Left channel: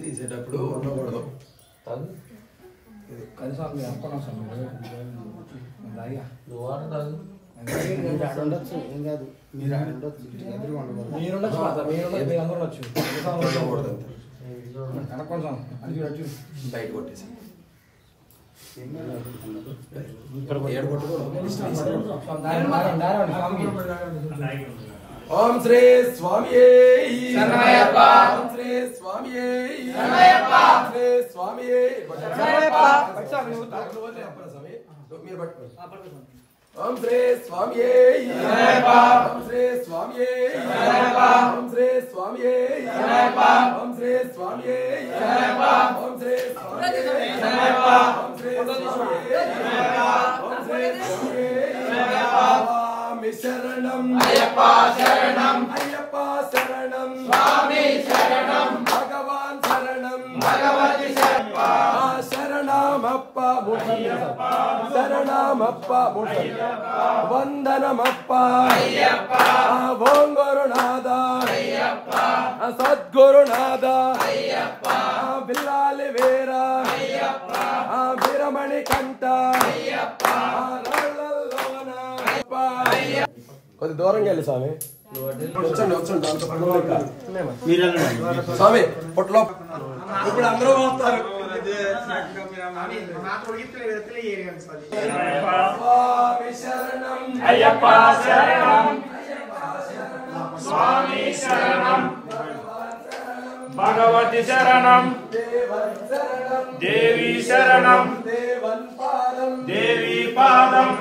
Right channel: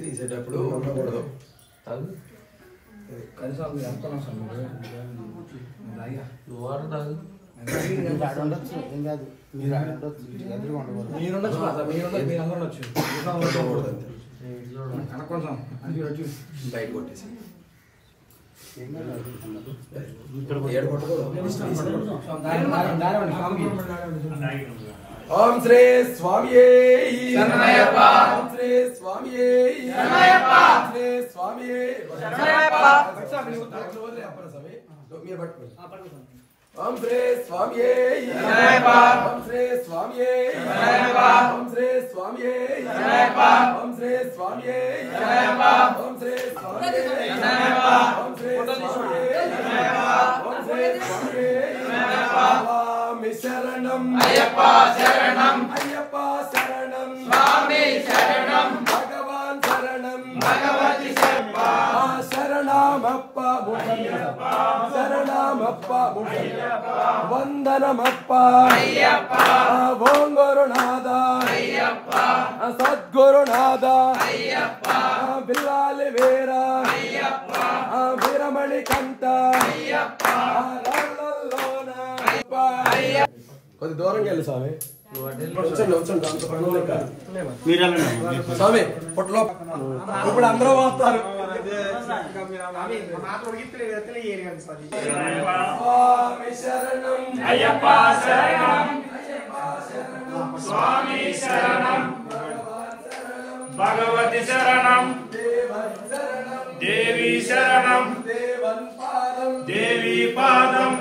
తీసేటప్పుడు ఉండకూడదు కనీసం నువ్వు ఆడతావు ఉండొచ్చు ఏం కాదు మీరు ఆడొచ్చు ఎదురుగా ఉండకూడదు మీరు అందరూ ఉండొచ్చు కొంచెం బయట కొట్టేసి ఓం శ్రీ స్వామియే శరణమయ్యప్ప ఓం శ్రీ స్వామియే శరణమయ్యప్ప శ్రీ స్వామియే శరణమయ్యప్ప మీరు పట్టుకోండి ఓం శ్రీ స్వామియే శరణమయ్యప్ప ఓం శ్రీ స్వామియే శరణమయ్యప్ప ఓం శ్రీ స్వామియే శరణమయ్యప్ప ఓం శ్రీ స్వామియే శరణమయ్యప్ప ఓం శ్రీ స్వామియే శరణమయ్యప్ప ఓం శ్రీ స్వామియే శరణమయ్యప్ప ఓం శ్రీ స్వామియే శరణమయ్యప్ప శరణం అయ్యప్ప శరణం అయ్యప్ప శరణం స్వామి శరణం భగవాన్ శరణం భగవతి శరణం శరణమప్ప ముఠయ్యప్ప శరణమప్ప ముఠయ్యప్ప వందనమప్ప అయ్యప్ప ఓం గురునాథ అయ్యప్ప సద్గురునాథ అయ్యప్ప బిల్లాలి వీర అయ్యప్ప వీరమణి కంఠ అయ్యప్ప కొద్ది దూరంగా వెళ్ళి స్వామి స్వామి పొట్లో ఇప్పుడు అందరూ వస్తారు అయ్యప్ప శరణం స్వామి శరణం భగవతి శరణం దేవి శరణం దేవి పాదం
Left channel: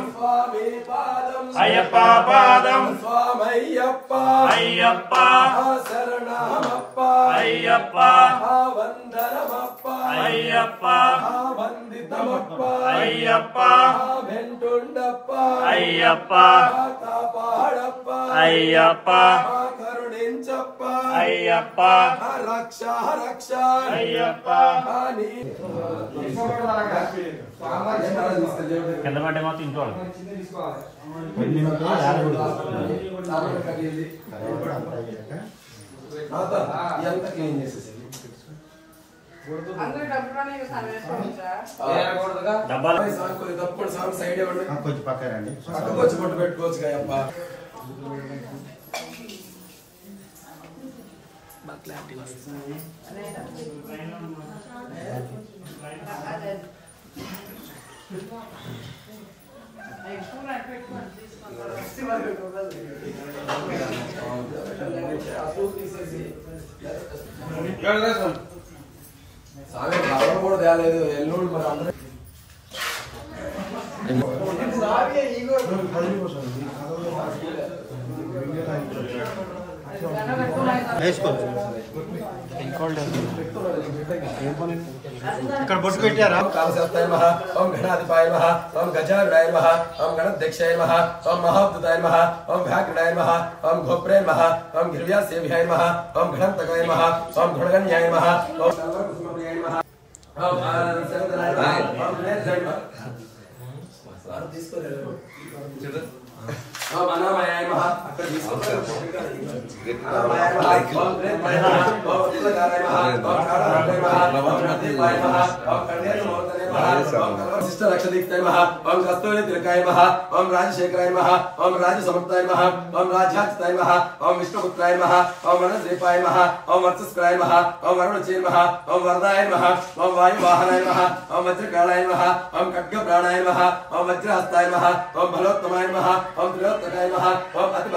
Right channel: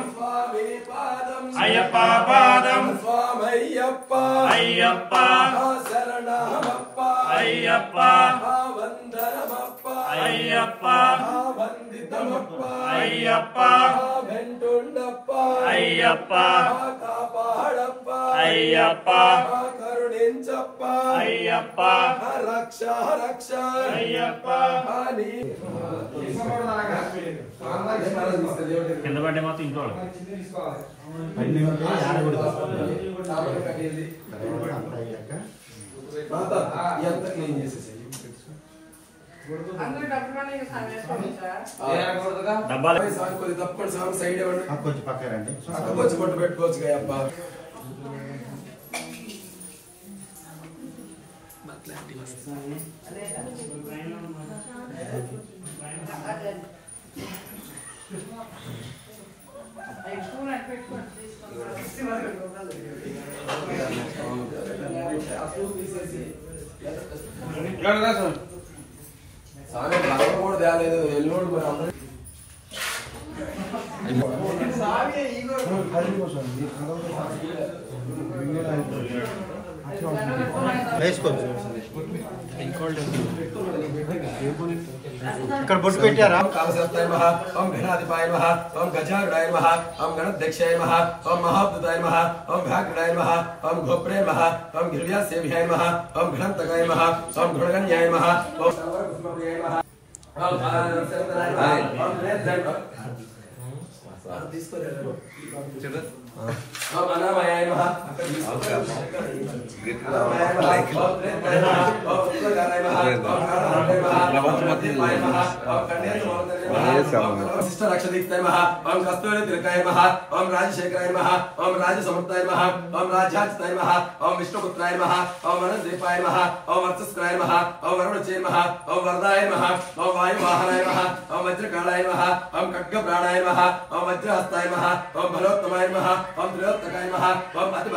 అయ్యప్ప పాదం స్వామయ్యప్ప అయ్యప్ప శరణమప్ప అయ్యప్ప వందనమప్ప అయ్యప్ప వందితమప్ప అయ్యప్ప వెంటుండప్ప అయ్యప్ప కాపాడప్ప అయ్యప్ప కరుణించప్ప అయ్యప్ప రక్ష రక్ష అయ్యప్ప కింద పడ్డే మాత్రం ఇంట్లో సైడ్ కొంచెం పక్క రండి పక్క కొట్టు పెట్టుకోవచ్చు అయ్యప్ప కూడా తేలేదు ఎల్లుండి మరి అందరూ ఇక్కడ బొట్టు పెట్టారా కామశాస్త్రాయ నమః ఓం గణాధిపాయ నమః ఓం గజారుడాయ నమః ఓం గణాధ్యక్షాయ నమః ఓం మహాద్భుతాయ నమః ఓం వ్యాఘ్రాయ నమః ఓం గోప్రాయ నమః ఓం గిరివ్యాసేవ్యాయ నమః ఓం ఘనంతకాయ నమః ఓం గుణగణ్యాయ నమః ఓం సర్వకుసుమప్రియాయ నమః ఓం సర్వదనాయ ఓం నేత్రాయ నమః తీసుకోలేదు ఓం అన్నమయాయ నమః లక్షదీప్తాయ నమః ఓం కస్తూరి తిలకాయ నమః ఓం రాజశేఖరాయ నమః ఓం రాజసమర్థాయ నమః ఓం రాజ్యాచితాయ నమః ఓం విష్ణుపుత్రాయ నమః ఓం వనద్వీపాయ నమః ఓం వర్చస్కరాయ నమః ఓం వరుణచే నమః ఓం వరదాయ నమః ఓం వాయువాహనాయ నమః ఓం వజ్రకాళాయ నమః ఓం ఖడ్గప్రాణాయ నమః ఓం వజ్రహస్తాయ నమః ఓం బలోత్తమాయ నమః ఓం త్రిలోత్తకాయ నమః ఓం అతి